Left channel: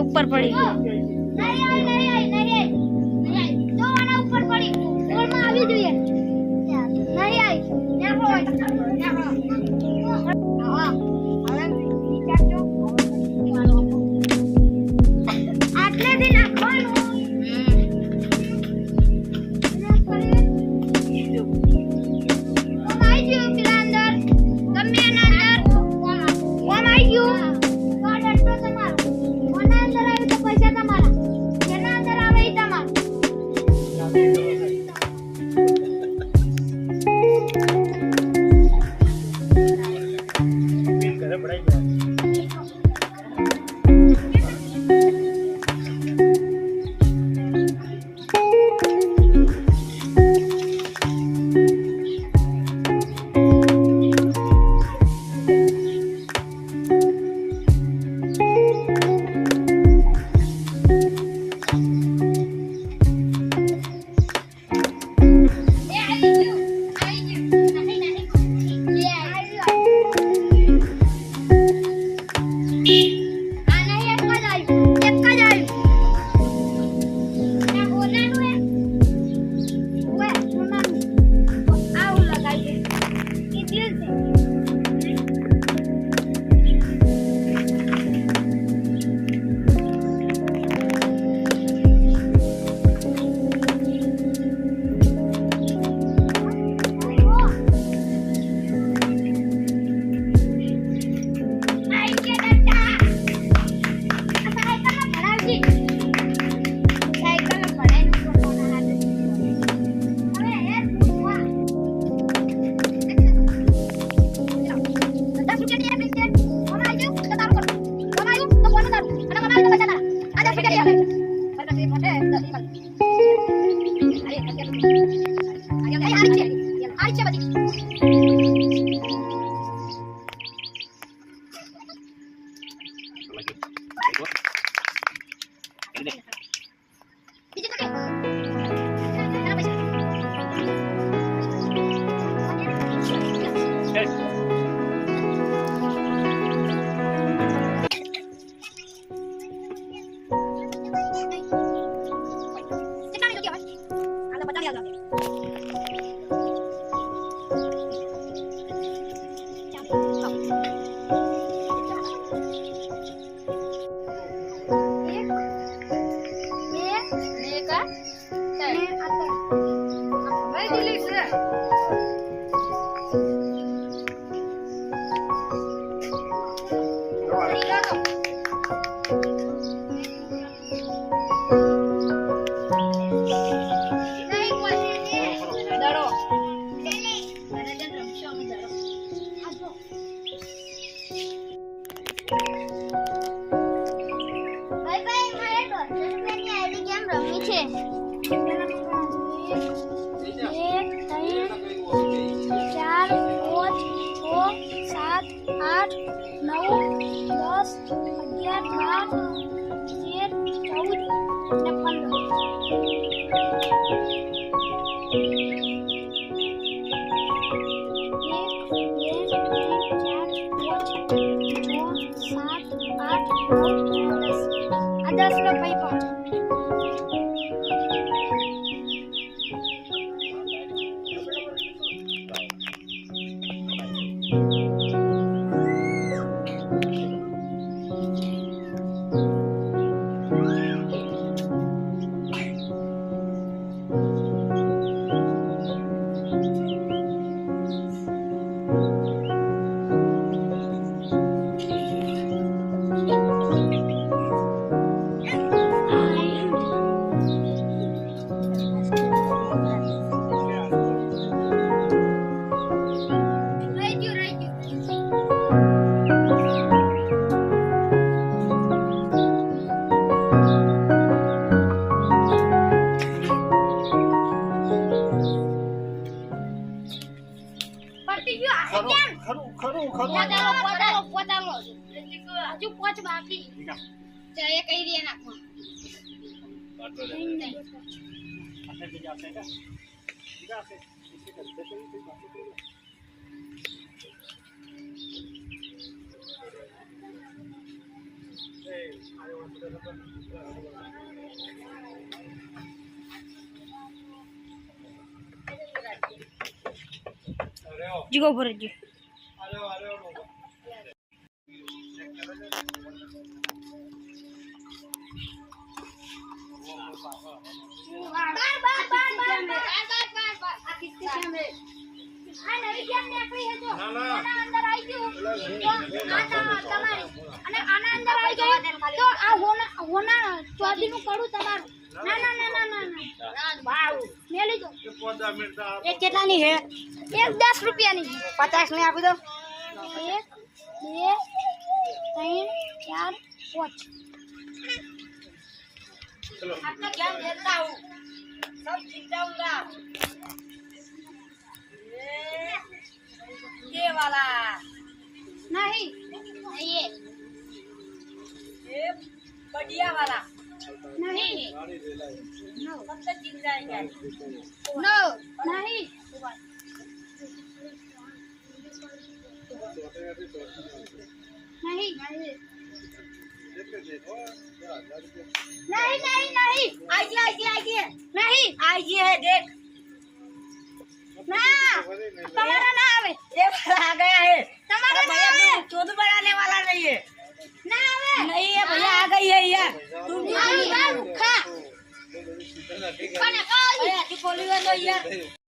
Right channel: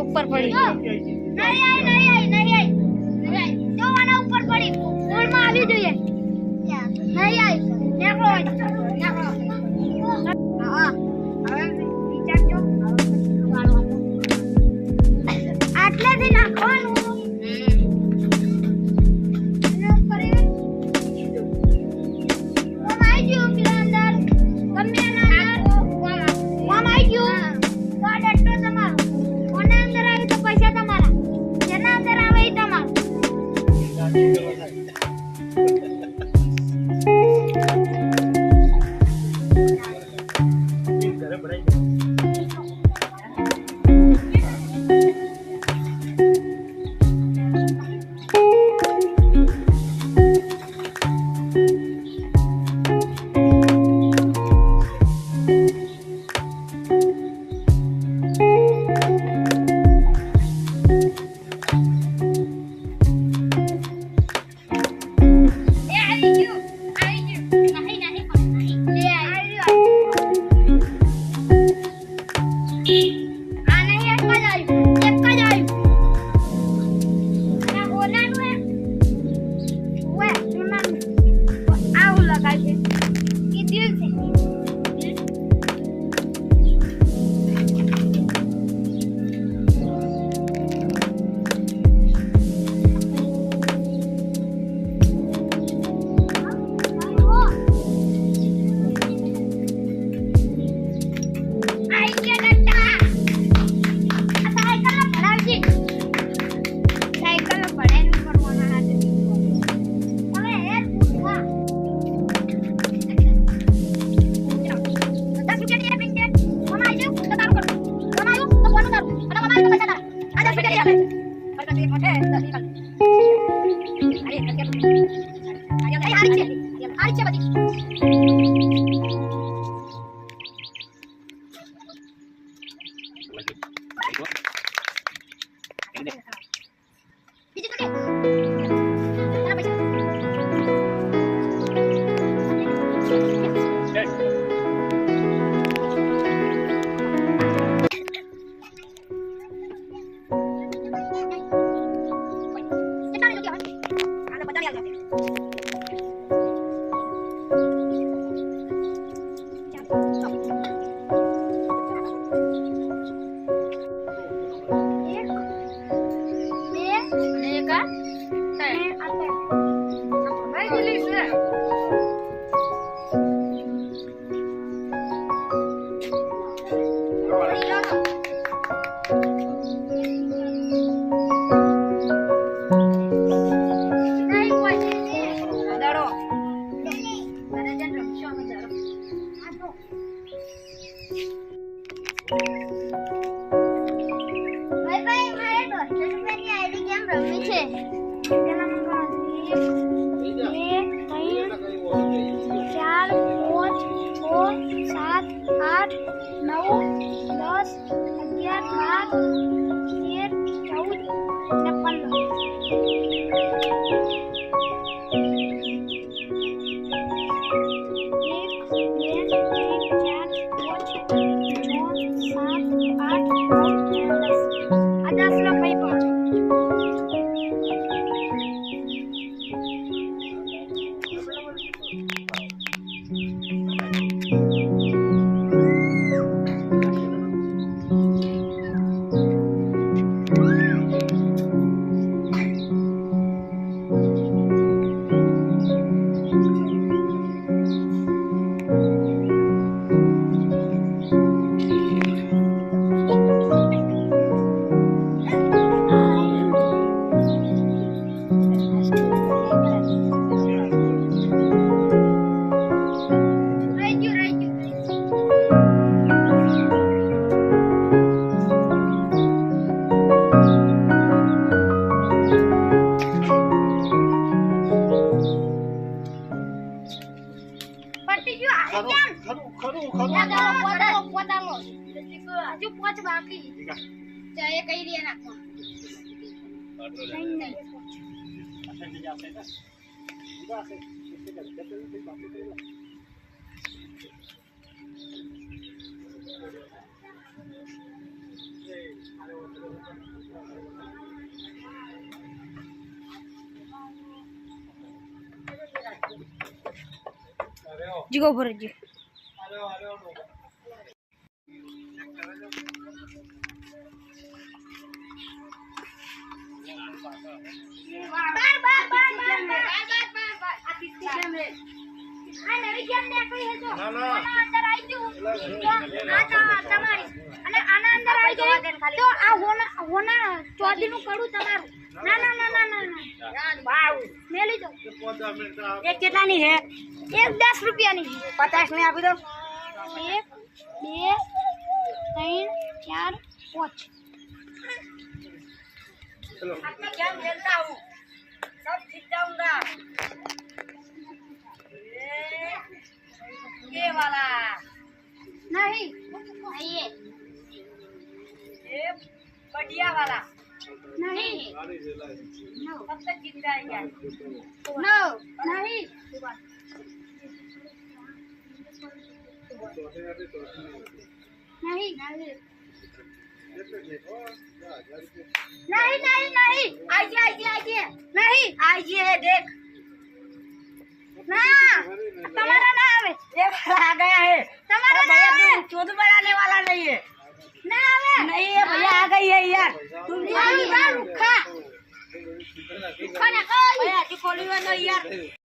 ऊपर पड़ी नहीं जो वाला ऊपर पड़ी और में આવી જોઈએ નહીં આવી નેકો હા હવે વિચારજો આટલે થી નાખવાનું जी गो भर जी કેટલાની હે? એક 10 રૂપિયાની 50 ની આપી દો. 1 2 3 4 5 आपका क्या खेलता हूँ सब जीत जाऊंगा ये वाला नहीं ये बढ़िया वाला नहीं कब तक जीत जाएंगे नो नहीं नहीं नहीं नहीं आइए आइए आइए नहीं आइए देख ना तुम्हारा ना आवे ये वाला आ गया है तुम्हारा ना भैया आवे तुम चोद बनाने वाला नहीं है ना आवे नहीं है भैया आ गई है यार तुम मारू मारू खा भैया तू खोली हुआ तो यार